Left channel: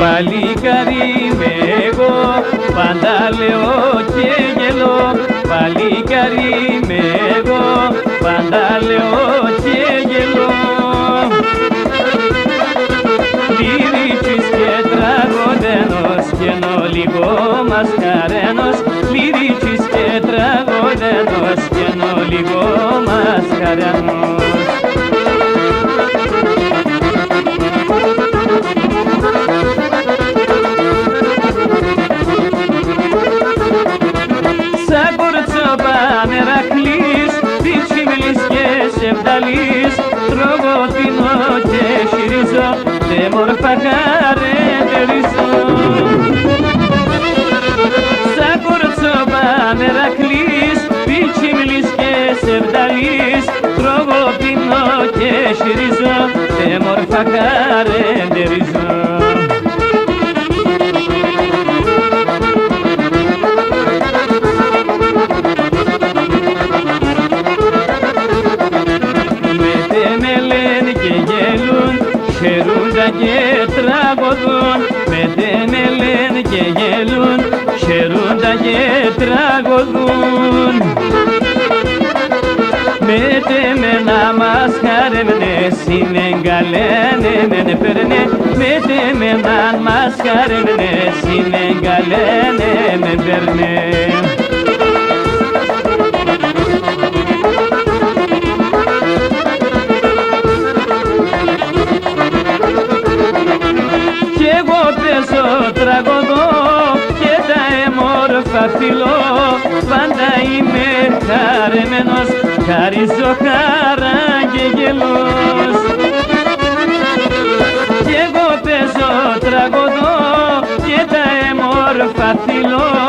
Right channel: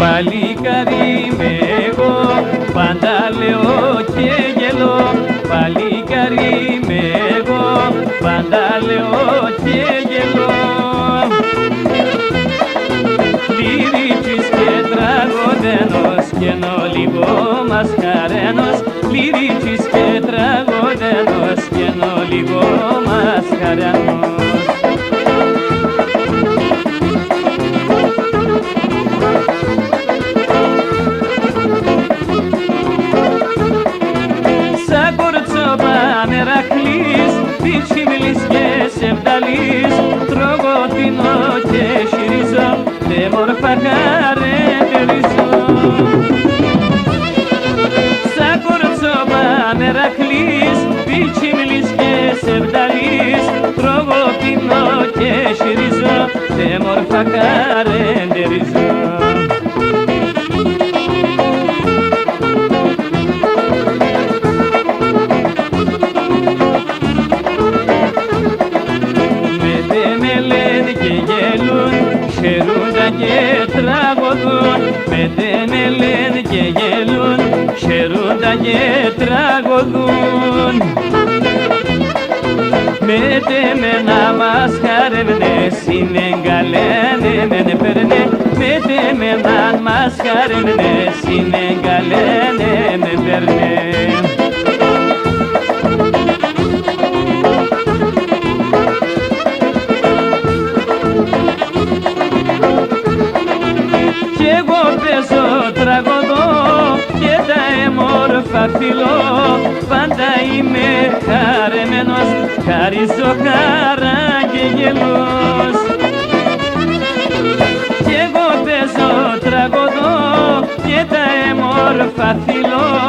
Παλικάρι είμαι εγώ, πάντα λέω και γελώ. Παλικάρι είμαι εγώ, πάντα λέω και γελώ. Λυρίτσις και τραγωδένος κι ενώ λίγο μασκαρένος. Λυρίτσις και τραγωδένος κι ενώ λίγο μασκαρένος. Σεβδαλής, τρογωτινό και χειρίζω, δε μόρφα χαρεγκελίζω. Σαν κορτσόβα νερακλής, πιτσιμιλής και σεβδαλής, τρογωτινό και χειρίζω, δε μόρφα χαρεγκελίζω. Χαιρούντα και τραγωδούν, με λένε και γελούν, χαιρούντα και τραγωδούν. Με να μας χαρεύνε, συνεγκαλένε, δεν παίρνε. Με να μας χαρεύνε, συνεγκαλένε, δεν παίρνε. Πάντα είμαι χαρεμένος, χαρίζω χαρά και γελός. Κι εγώ παίζω τραγωδό και τα έμορφα φιλώ.